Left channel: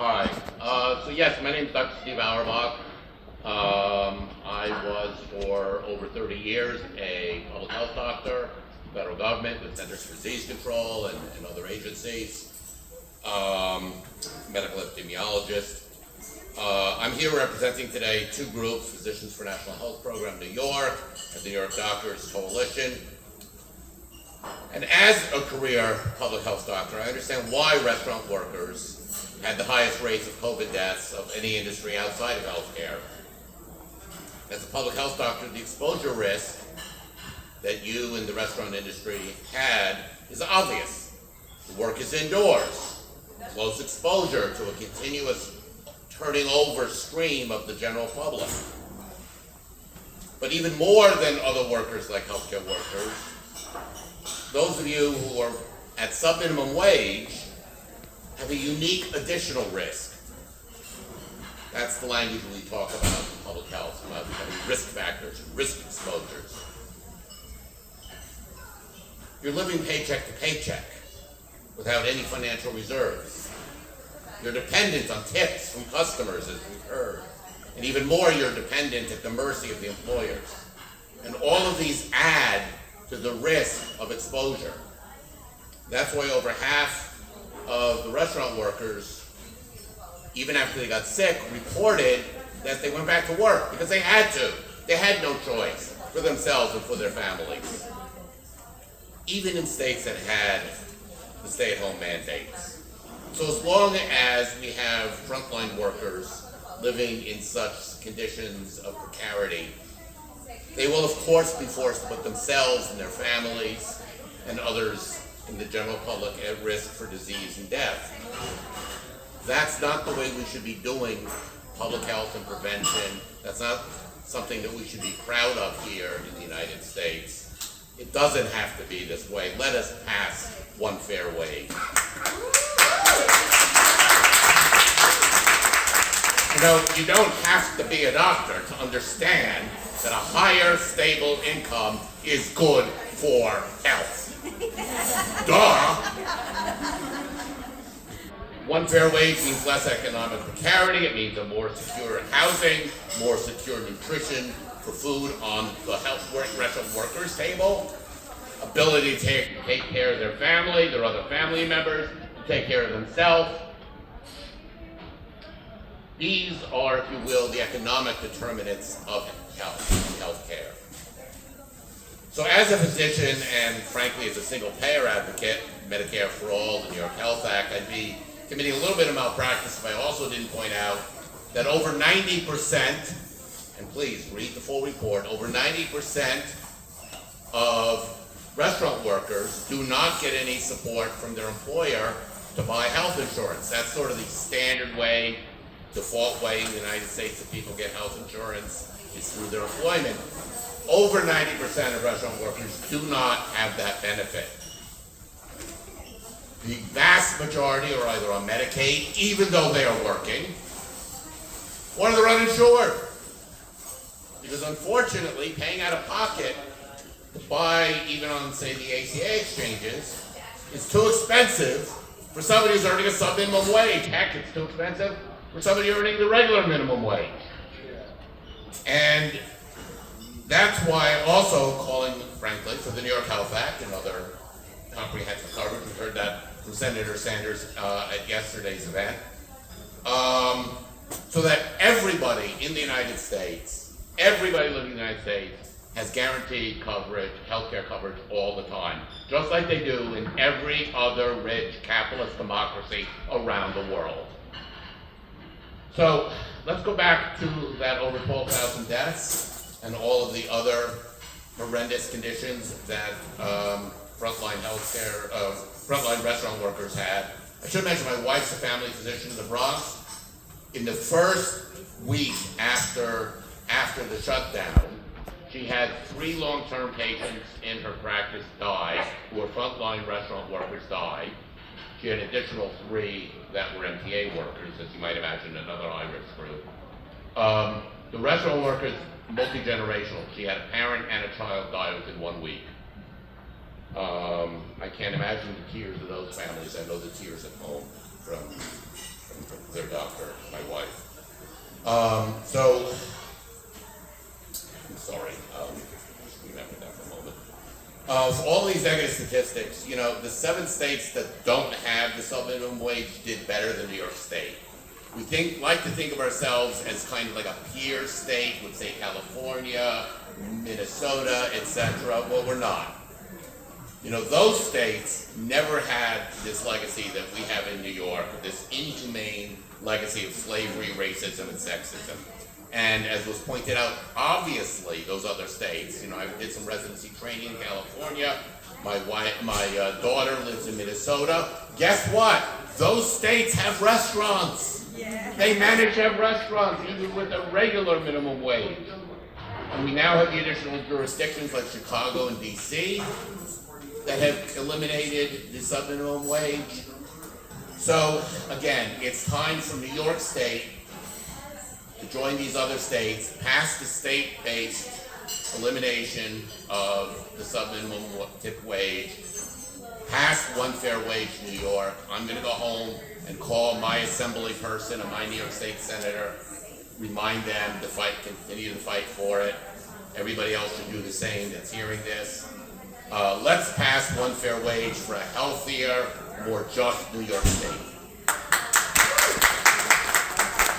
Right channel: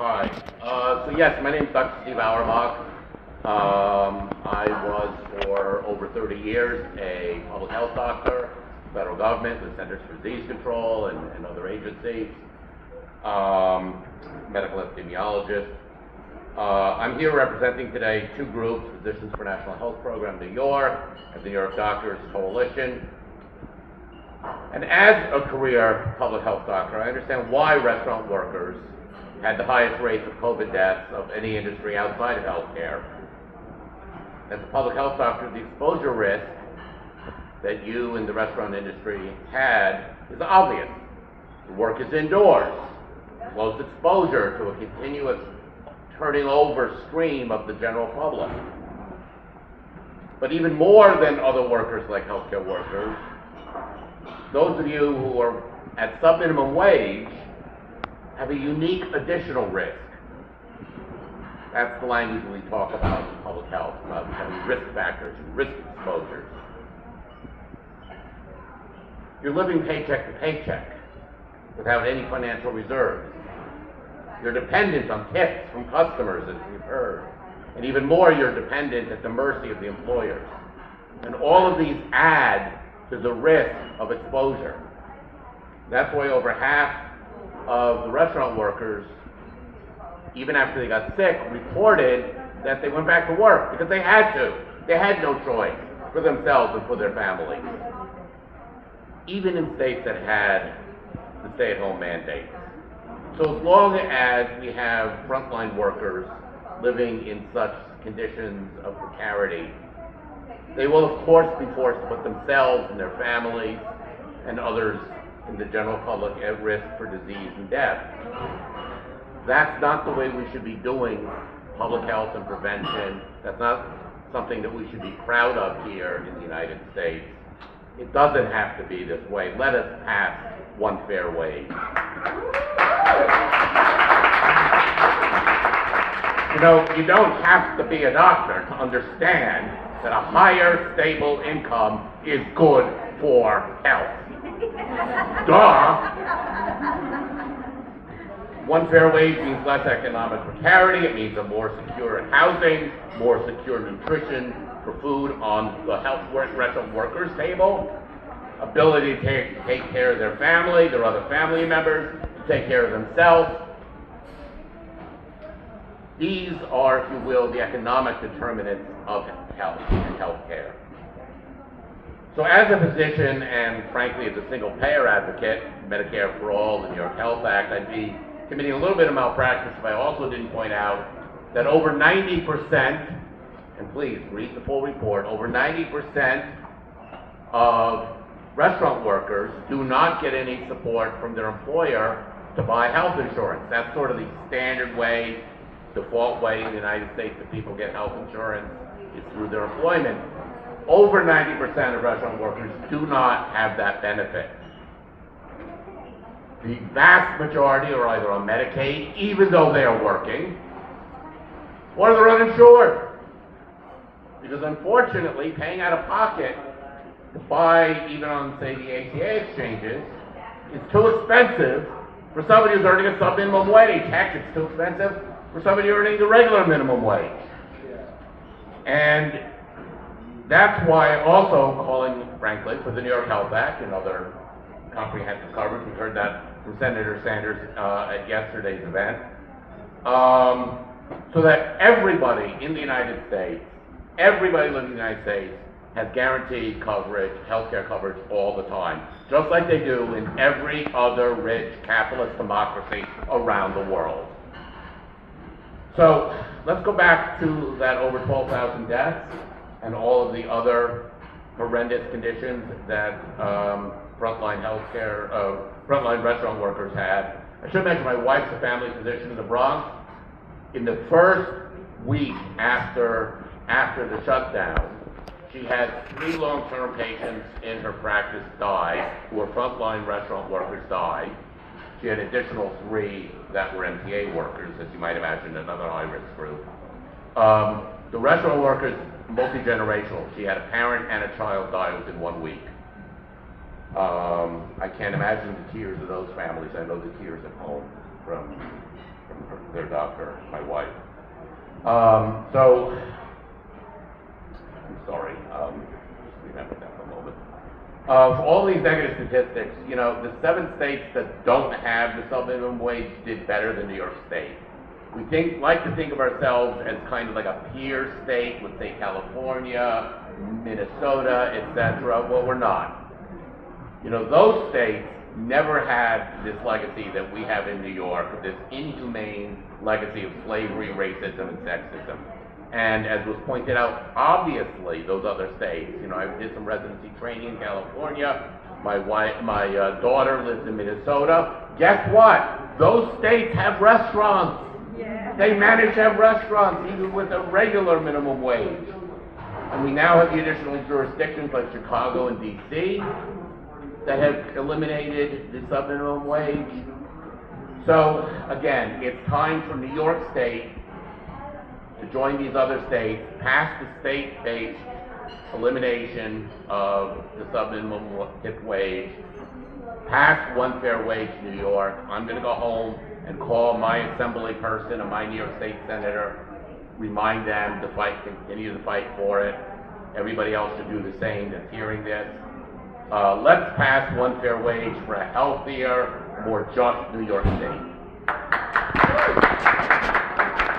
Hi. So yes, my name is Dr. Steve Auerbach. I was for over 30 years a public health doctor, federal government with Centers for Disease Control and other agencies, medical epidemiologist. I'm here representing today two groups, Physicians for National Health Program New York and the New York Doctors Coalition. And as a career public health doctor, I understand why restaurant workers had the highest rates of COVID deaths of any industry outside of healthcare. As a public health doctor, the exposure risk that you in the restaurant industry had is obvious. The work is indoors, close exposure to a continuous turning over stream of the general public. But even more than other workers like healthcare workers, those of you who are at subminimum wage have a unique additional risk. That's the language we talk about in public health, about risk factors, risk exposures. You're living paycheck to paycheck without any financial reserves. You're dependent on tips from customers, as we've heard. And even more, you're dependent at the mercy of the employers. And all of these add to the risk of exposure. That's why over half of the restaurant workers, even after they got sick, reported that they went back to work because they had to. They had no choice for themselves and for their families. Even in states that had the stay-at-home mandates. So as long as we have frontline workers living in such conditions of precarity, they will of course be forced to put themselves and their families and others in the general public at risk for disease and death. That's not the way we should be doing public health and prevention. That's not something that we should be proud of here in the United States. It doesn't have to be this way. Let us pass OneFairWage. You know, you don't have to be a doctor to understand that a higher stable income is good for health. Duh! OneFairWage means less economic precarity. It means a more secure housing, more secure nutrition for food on the restaurant workers' table, ability to take care of their family, their other family members, to take care of themselves. These are, if you will, the economic determinants of health and healthcare. So as a physician and frankly as a single payer advocate, Medicare for All, the New York Health Act, I'd be committing a little bit of malpractice if I also didn't point out that over 90%, and please read the full report, over 90% of restaurant workers do not get any support from their employer to buy health insurance. That's sort of the standard way, default way in the United States that people get health insurance is through their employment. Over 90% of restaurant workers do not have that benefit. The vast majority are either on Medicaid, even though they are working, or they're uninsured. Because unfortunately, paying out of pocket to buy, even on, say, the ACA exchanges, is too expensive for somebody who's earning a sub-minimum wage. Heck, it's too expensive for somebody earning the regular minimum wage. And that's why also calling, frankly, for the New York Health Act and other comprehensive coverage. We heard that from Senator Sanders at yesterday's event. So that everybody in the United States, everybody living in the United States, has guaranteed coverage, healthcare coverage all the time, just like they do in every other rich capitalist democracy around the world. So let's go back to that over 12,000 deaths and all of the other horrendous conditions that frontline restaurant workers had. I should mention my wife's a family physician in the Bronx. In the first week after the shutdown, she had 3 long-term patients in her practice die, who were frontline restaurant workers died. She had an additional 3 that were MTA workers, as you might imagine, another high-risk group. The restaurant workers, multi-generational. She had a parent and a child die within 1 week. I can't imagine the tears of those families. I know the tears at home. from their doctor, my wife. So, I'm sorry, just remember that for a moment. For all these negative statistics, you know, the 7 states that don't have the subminimum wage did better than New York State. We like to think of ourselves as kind of like a peer state, let's say California, Minnesota, etc. Well, we're not. You know, those states never had this legacy that we have in New York, this inhumane legacy of slavery, racism, and sexism. And as was pointed out, obviously, those other states, you know, I did some residency training in California. My daughter lives in Minnesota. Guess what? Those states have restaurants. Yeah. They manage to have restaurants, even with a regular minimum wage. And we now have the additional jurisdictions like Chicago and DC that have eliminated the subminimum wage. So again, it's time for New York State to join these other states, pass the state-based elimination of the subminimum tip wage, pass OneFairWage New York. I'm going to go home and call my assembly person and my New York State senator, remind them to fight, continue to fight for it. Everybody else should do the same that's hearing this. Let's pass OneFairWage for a healthier, more just New York State.